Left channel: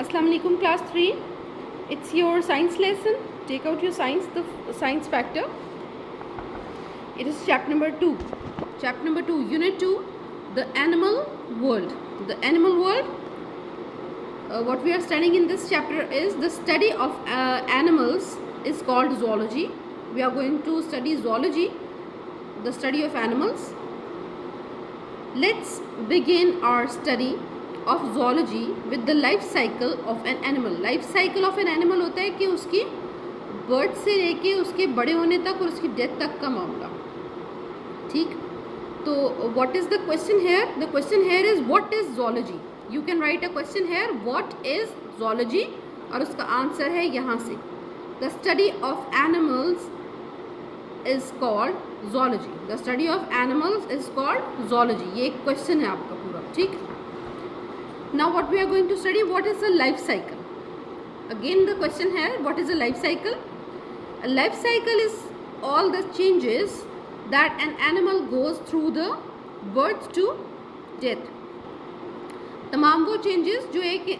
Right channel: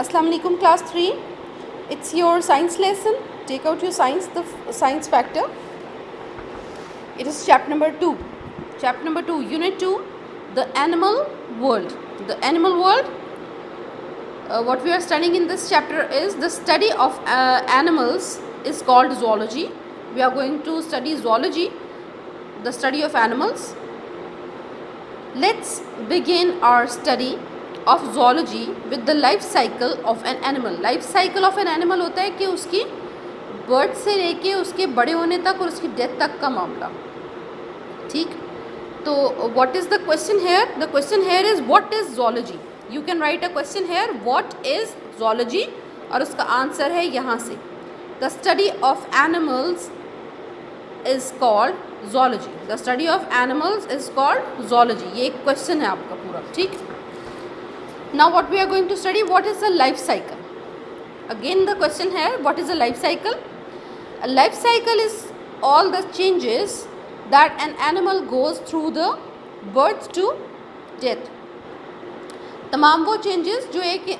Assalamu alaikum class 3. It's your science lesson. Take out your science factor. It is chapter number 2. Chapter number 2, unit 2, the animal world. The animal world, what we are studying in this chapter is the study of animals is called zoology. We are going to study zoology, the study of animals. Let's begin our study of zoology with the life cycle of an animal. Life cycle of an animal होता है कि उसकी birth से लेके उसके बड़े होने तक और उसकी डेथ तक का मामला. ठीक, तो what is the question here? The question here is what is zoology? You can write a question here, what is zoology, और उसका आंसर है यहाँ से. The study of animals is called zoology. The study of animals is called zoology. ये एक question है आपका पूरा. ठीक, now what we are going to study, what is the life cycle? Again the question here, what is a life cycle? A life cycle is all the changes that an animal goes through the birth to death. तमाम वो changes जो एक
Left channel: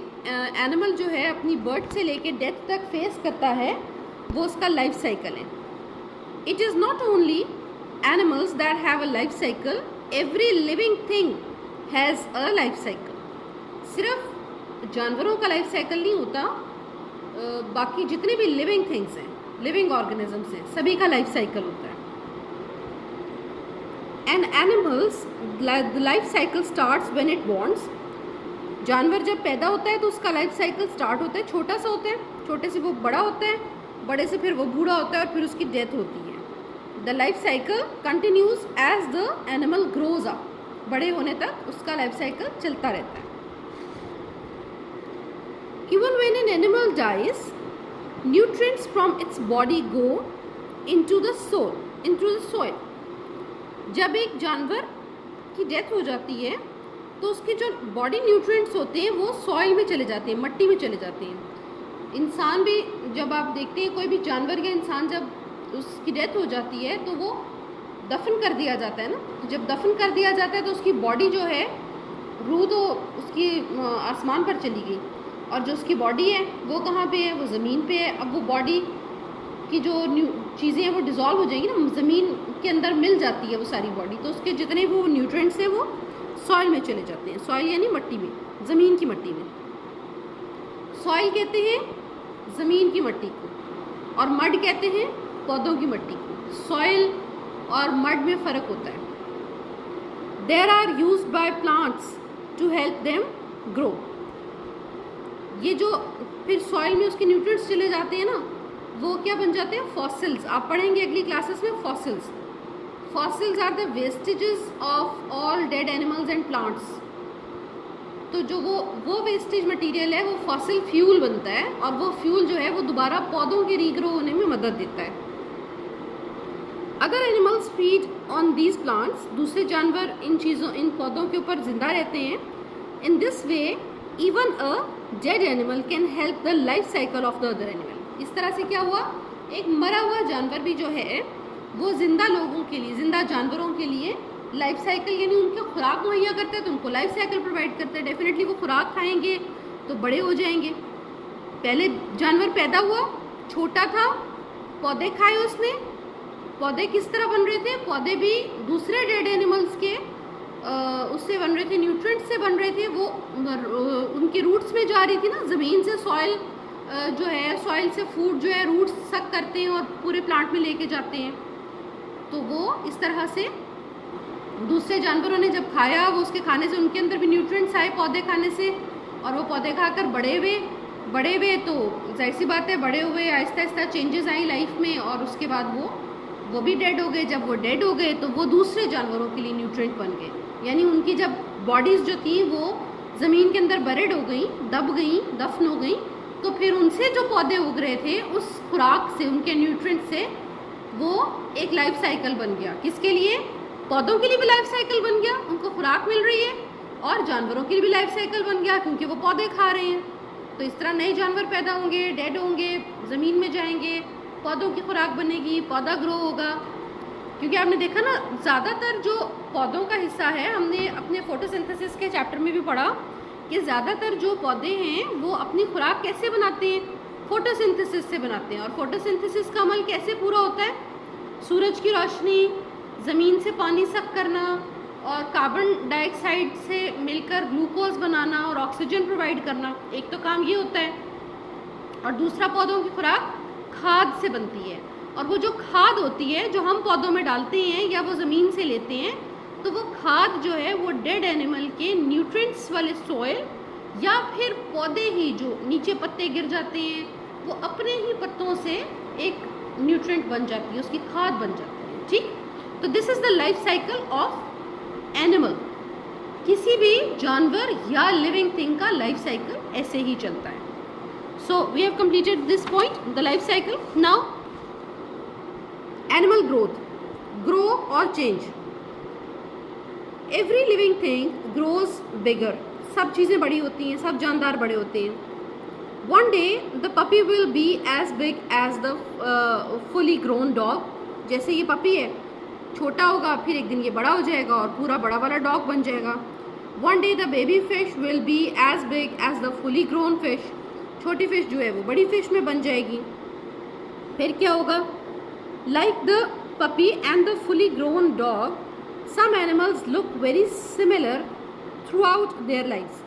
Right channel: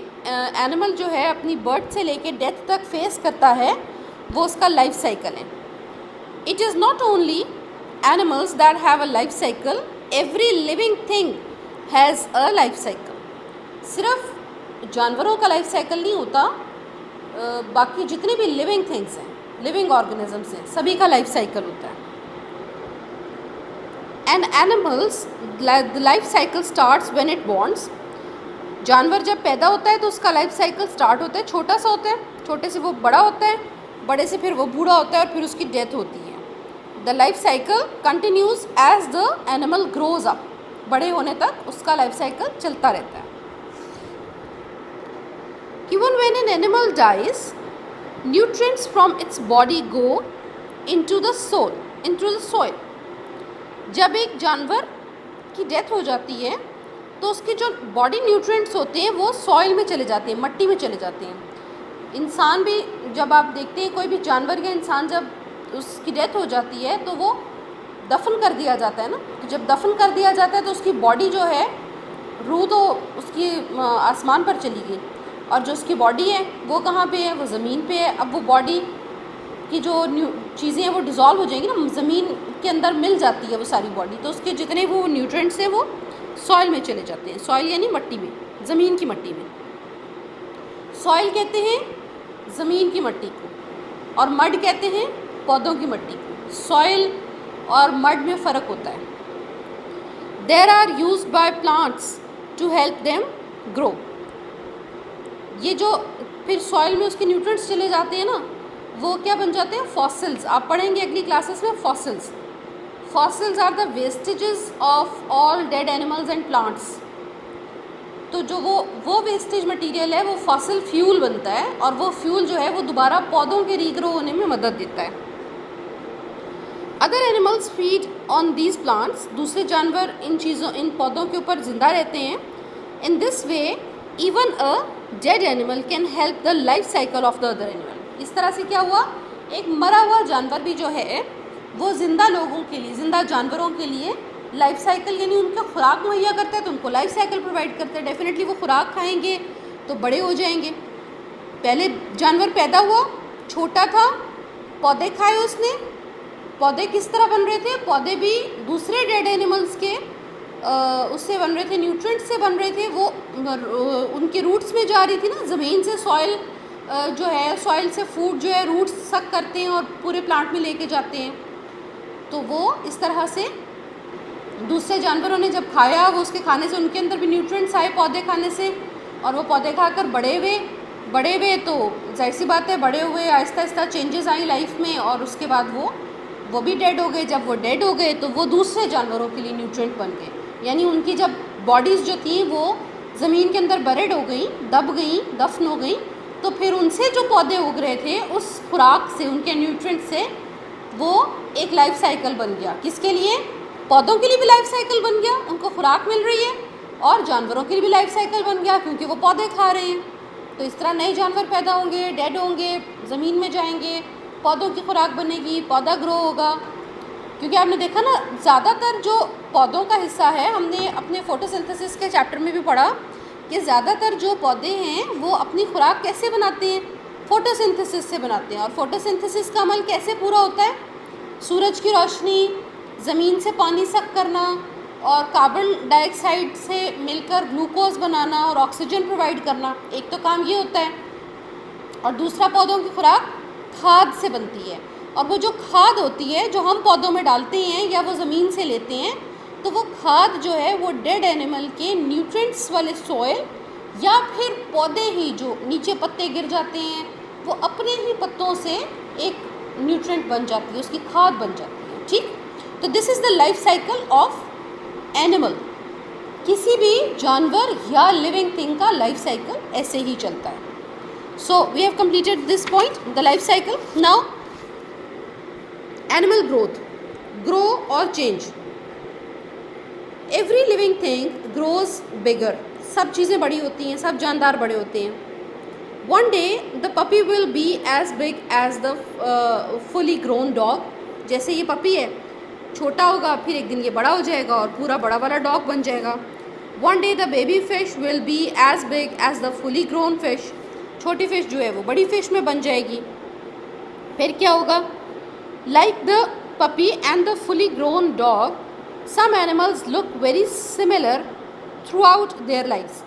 animal जो है अपनी birth से लेके death तक फेस करता है वो उसका लाइफ साइकिल है. It is not only animals that have a life cycle, every living thing has a life cycle. सिर्फ जानवरों का लाइफ साइकिल नहीं होता, बाकी जितने भी लिविंग थिंग्स हैं, लिविंग ऑर्गेनिजम्स हैं, सभी का लाइफ साइकिल होता है. And animals the life cycle starts when it borns. जानवर जब पैदा होता है तो उसका लाइफ साइकिल स्टार्ट होता है, छोटा सा होता है, छोटे से वो बड़ा होता है, बड़े से फिर वो बूढ़ा होता है और फिर उसकी डेथ होती है. The life cycle continues as the animal grows up. बड़े होने तक उसका लाइफ साइकिल चलता रहता है. Even when an animal dies, nutrients from its body go into the soil. जब एक जानवर की डेथ हो जाती है तो उसके जो बॉडी न्यूट्रिएंट्स होते हैं वो सॉइल में चले जाते हैं, मट्टी में चले जाते हैं. इंसान भी जब आप देखते हैं कोई भी जानवर या इंसान जब उसकी डेथ हो जाती है तो वो दफन कर दिया जाता है ना. तो जब दफन कर दिया जाता है तो उसकी बॉडी जो है, रूह तो उसकी आसमान पर चली गई और जो उसकी बॉडी है वो कहाँ पे है, वो ज़मीन पे है. अब वो बॉडी की जो चीज़ें हैं वो डिज़ोल्व हो जाएंगी ना, ज़मीन के अंदर मिल जाती है वो सारी बॉडी, तो उसके जितने वो न्यूट्रिएंट्स हैं वो सॉइल में चले जाते हैं. सॉइल यानी मट्टी में, ज़मीन की मट्टी में. सॉइल कहते हैं ज़मीन की मट्टी को और मड कहते हैं पौधों की मट्टी को. सॉइल और मड में फ़र्क होता है. They're are used by plants to help them grow. ये जो फिर सॉइल में उसके न्यूट्रिएंट्स चले जाते हैं ना, वो क्या बन जाते हैं, फॉसिल्स. आप पढ़ेंगे अगली क्लासेस में fossils. Fossils are the vestiges of all dead animals and plants. तो जो वो वेस्टेज मटेरियल है वो फॉसिल फ्यूल बनता है और वो फ्यूल जो है वो दोबारा पौधों के रीग्रो होने में मदद देता है. Other animals feed on these plants. दूसरे जानवर इन पौधों के ऊपर जिंदा रहते हैं. In this way even a dead animal can help the life cycle of the other animal. इस तरह से क्या हुआ, एक मरा हुआ जानवर भी जो है वो ज़िंदा लोगों के लिए, ज़िंदा जानवरों के लिए लाइफ साइकिल यानी उनका खुराक मुहैया करता है, तो उनको लाइफ साइकिल प्रोवाइड करता है. डेफिनेटली वो खुराक खाएंगे तो बड़े हो जाएंगे. पहले जानवर पैदा हुआ, छोटा था, पौधे खाए उसने. पौधे किस तरह बन रहे थे, पौधे भी दूसरे डेड एनिमल्स के उससे बन रहे थे, न्यूट्रिएंट्स से बन रहे थे. वो उनके रूट्स में जा रही थी ना, ज़मीन से सॉइल जो है, सॉइल से फूड जो है रूट्स सक करते हैं और पूरे प्लांट में लेके जाते हैं. तो वो इस तरह से दूसरे जानवरों ने जब खाया, वो उसके खाने से उनके अंदर भी न्यूट्रिएंट्स आए पौधे खाने से, और वो पौधे खाकर बड़े हुए तो जाहिर सी बात है बड़े हुए, Aahista Aahista changes I life में और उसके बाद वो भी डेड हो गए. जब वो डेड हो गए तो वो दूसरे जानवरों के लिए न्यूट्रिएंट बन गए. यानी उनकी जब बॉडीज़ जो थी वो ज़मीन के अंदर बरेड हो गई, दब गई, दफन हो गई, तो फिर उनसे जो पौधे उग रहे थे उस खुराक से, उनके न्यूट्रिएंट से वो एक लाइफ साइकिल बन गया. किसके लिए, पौधों के लिए भी लाइफ साइकिल बन गया, उनको खुराक मिल रही है, और जानवरों के लिए भी लाइफ साइकिल बन गया क्योंकि वो पौधे खा रहे हैं. तो इस तरह नए जानवर पैदा होंगे, डेड होंगे, ज़मीन में जाएंगे, पौधों की खुराक बनेगी, पौधा ग्रो होगा. क्योंकि आपने देखा ना, ज़्यादातर जो पौधों का हिस्सा है, हमने अपने फोटोसिंथेसिस के चैप्टर में भी पढ़ा कि ज़्यादातर जो पौधे हैं वो अपनी खुराक कैसे बनाते हैं, फोटोसिंथेसिस से बनाते हैं। और फोटोसिंथेसिस का अमल कैसे पूरा होता है, सूरज की रोशनी, ज़मीन से पानी सक करना और कार्बन डाइऑक्साइड से मिलकर ग्लूकोज बनाना और ऑक्सीजन प्रोवाइड करना, एक तो काम ये होता है। और दूसरा पौधों की खुराक खाद से बनती है, और वो जो खाद होती है जो हम पौधों में डालते हैं या वो ज़मीन से लेते हैं, तो वो खाद जो है वो डेड एनिमल के न्यूट्रिएंट्स वाले सॉइल या फिर पौधे ही जो नीचे पत्ते गिर जाते हैं वो अपने ही पत्तों से एक न्यूट्रिएंट बन जाती है, उसकी खाद बन जाती है। ठीक, तो this is the life cycle of animal. किसी भी जानवर या लिविंग थिंग का लाइफ साइकिल ऐसे ही चलता है। So we have completed this point, the life cycle. Now animal growth, grow or change. Every living thing grows bigger. सब चीज़ें बड़ी होती हैं, सब जानदार बड़े होते हैं। One day the puppy will be as big as the fully grown dog. जैसे ये पपी है, छोटा होगा, फिर एक दिन ये बड़ा हो जाएगा और पूरा बड़ा वाला डॉग बन जाएगा। One day the baby fish will be as big as the fully grown fish. छोटी फिश जो है वो बड़ी फिश में बन जाएगी। फिर क्या होगा, like the puppy and the fully grown dog, some animals look very similar throughout their lifes.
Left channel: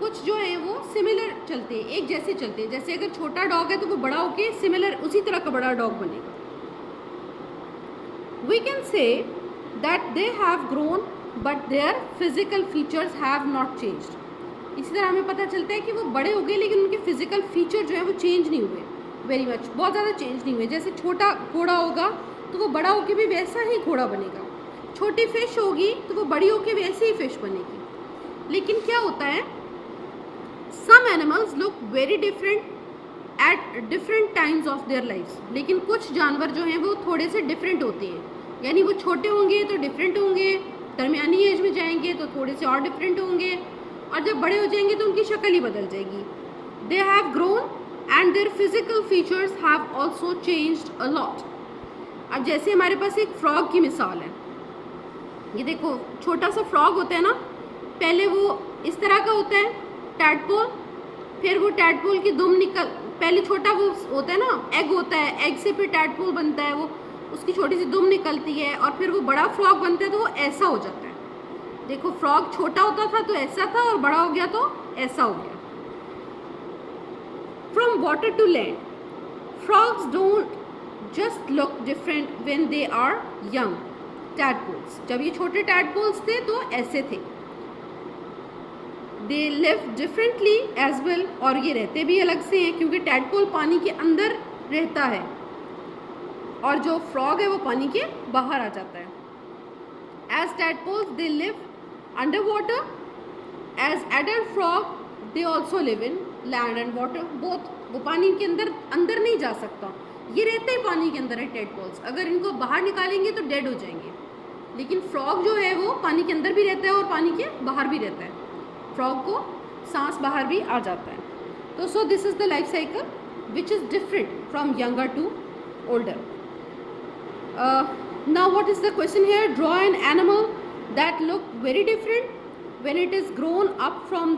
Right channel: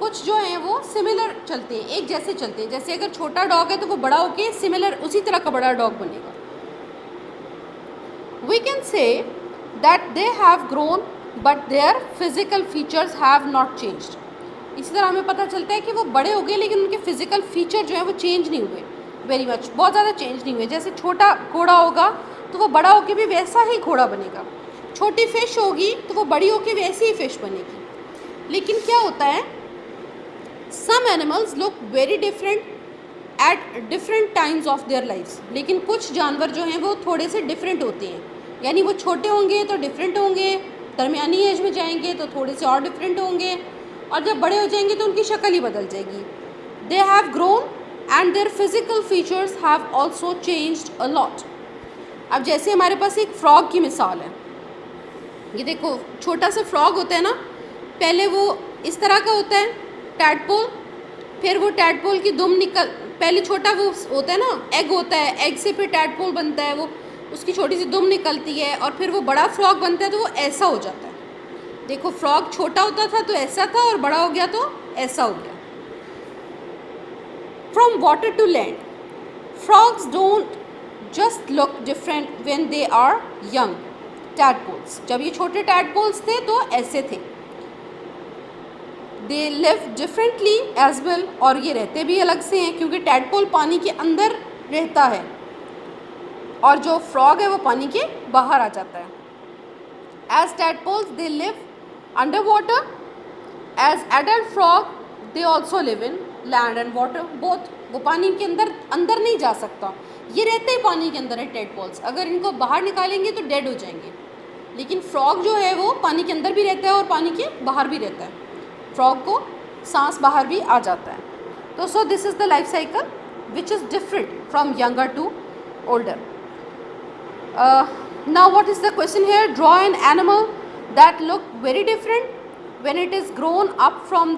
कुछ जो हैं वो सिमिलर चलते हैं, एक जैसे चलते हैं। जैसे अगर छोटा डॉग है तो वो बड़ा होके सिमिलर उसी तरह का बड़ा डॉग बनेगा। We can say that they have grown but their physical features have not changed. इसी तरह हमें पता चलता है कि वो बड़े हो गए लेकिन उनके फिजिकल फीचर जो है वो चेंज नहीं हुए, वेरी मच, बहुत ज़्यादा चेंज नहीं हुए। जैसे छोटा घोड़ा होगा तो वो बड़ा होकर भी वैसा ही घोड़ा बनेगा, छोटी फिश होगी तो वो बड़ी होकर वैसी ही फिश बनेगी। लेकिन क्या होता है, some animals look very different at different times of their lifes. लेकिन कुछ जानवर जो हैं वो थोड़े से डिफरेंट होते हैं, यानी वो छोटे होंगे तो डिफरेंट होंगे, दरमियानी एज में जाएंगे तो थोड़े से और डिफरेंट होंगे, और जब बड़े हो जाएंगे तो उनकी शक्ल ही बदल जाएगी। दे have grown and there physical features have also changed a lot. अब जैसे हमारे पास एक फ्रॉग की मिसाल है, ये देखो छोटा सा फ्रॉग होता है ना, पहले वो इस तरह का होता है टैडपोल, फिर वो टैडपोल की दुम पहले छोटा वो होता है ना, एग होता है, एग से फिर टैडपोल बनता है, वो उसकी छोटी सी दुम निकलती है और फिर वो बड़ा फ्रॉग बनता है तो वो ऐसा हो जाता है। देखो फ्रॉग छोटा होता था तो ऐसा था और बड़ा हो गया तो ऐसा हो गया। From water to land, frogs don't just look different when they are young tadpoles. जब ये छोटे टैडपोल्स थे तो ऐसे थे। They live differently as well, और ये रहते भी अलग से हैं क्योंकि टैडपोल पानी के अंदर रहता है और जो फ्रॉग है वो पानी के बाहर आ जाता है। As tadpoles they live underwater, as adult frog they also live in land and water both। वो पानी के अंदर नहीं जा सकता, ये रहते ही पानी के अंदर है टैडपोल्स। अगर इनको बाहर निकालेंगे तो डेड हो जाएंगे, लेकिन फ्रॉग जो है वो पानी के अंदर भी रहता है और पानी के बाहर भी रहता है, फ्रॉग को सांस बाहर भी आ जाता है। तो so this is the life cycle which is different from younger to older. Now what is the question here, draw an animal that look very different when it is grown up from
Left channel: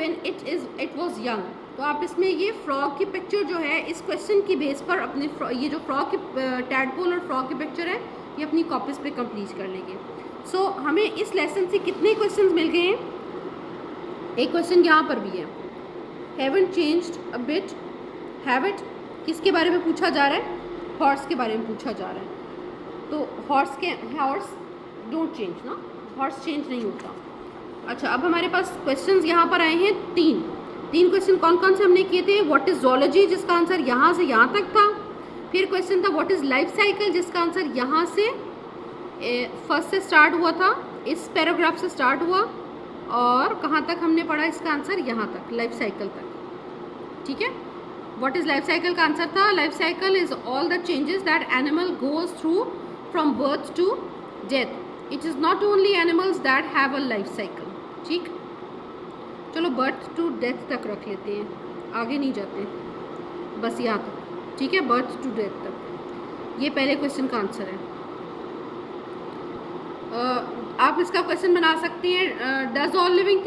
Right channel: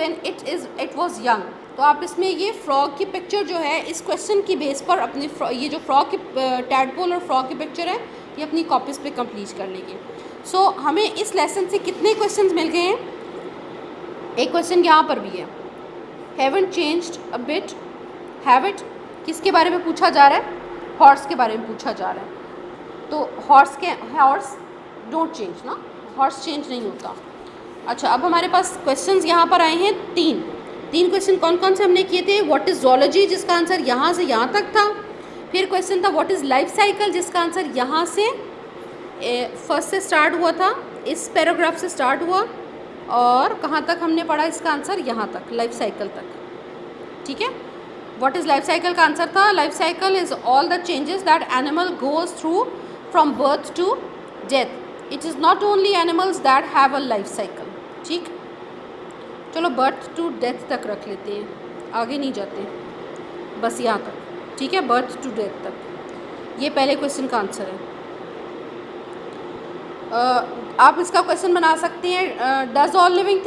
when it was young। तो आप इसमें ये frog की picture जो है इस question की base पर अपनी ये जो फ्रॉग की टैडपोल और फ्रॉग की पिक्चर है ये अपनी कॉपीज़ पे कंप्लीट कर लेंगे। सो हमें इस लेसन से कितने क्वेश्चंस मिल गए हैं, एक क्वेश्चन यहाँ पर भी है, haven't changed a bit, Hewitt किसके बारे में पूछा जा रहा है, हॉर्स के बारे में पूछा जा रहा है। तो हॉर्स डोंट चेंज ना, हॉर्स चेंज नहीं होता। अच्छा, अब हमारे पास क्वेश्चंस यहाँ पर आए हैं तीन क्वेश्चन। कौन कौन से हमने किए थे, व्हाट इज़ ज़ूलॉजी जिसका आंसर यहाँ से यहाँ तक था, फिर क्वेश्चन था व्हाट इज़ लाइफ साइकिल जिसका आंसर यहाँ से फर्स्ट से स्टार्ट हुआ था, इस पैराग्राफ से स्टार्ट हुआ, और कहाँ तक हमने पढ़ा इसका आंसर यहाँ तक, लाइफ साइकिल तक। ठीक है, व्हाट इज़ लाइफ साइकिल का आंसर था, life cycle is all the changes that animal goes through from birth to death. It is not only animals that have a life cycle. ठीक, चलो birth to death तक रख लेते हैं, आगे नहीं जाते, बस यहाँ तक। ठीक है, बर्थ टू डेथ तक, ये पहले क्वेश्चन का आंसर है। आप इसका क्वेश्चन बना सकती हैं, does all living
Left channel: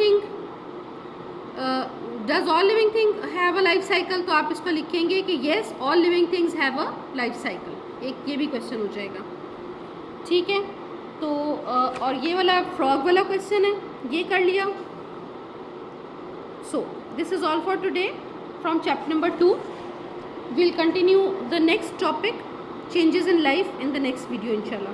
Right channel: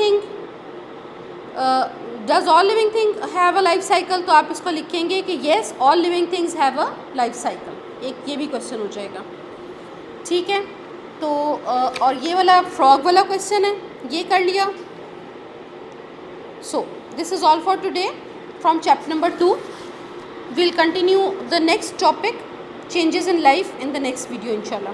thing have a life cycle, तो आप इसको लिखेंगे कि yes all living things have a life cycle, एक ये भी क्वेश्चन हो जाएगा। ठीक है, तो और ये वाला फ्रॉग वाला क्वेश्चन है, ये कर लिया। सो this is all for today from chapter number 2। we'll continue the next topic, changes in life, in the next video inshallah.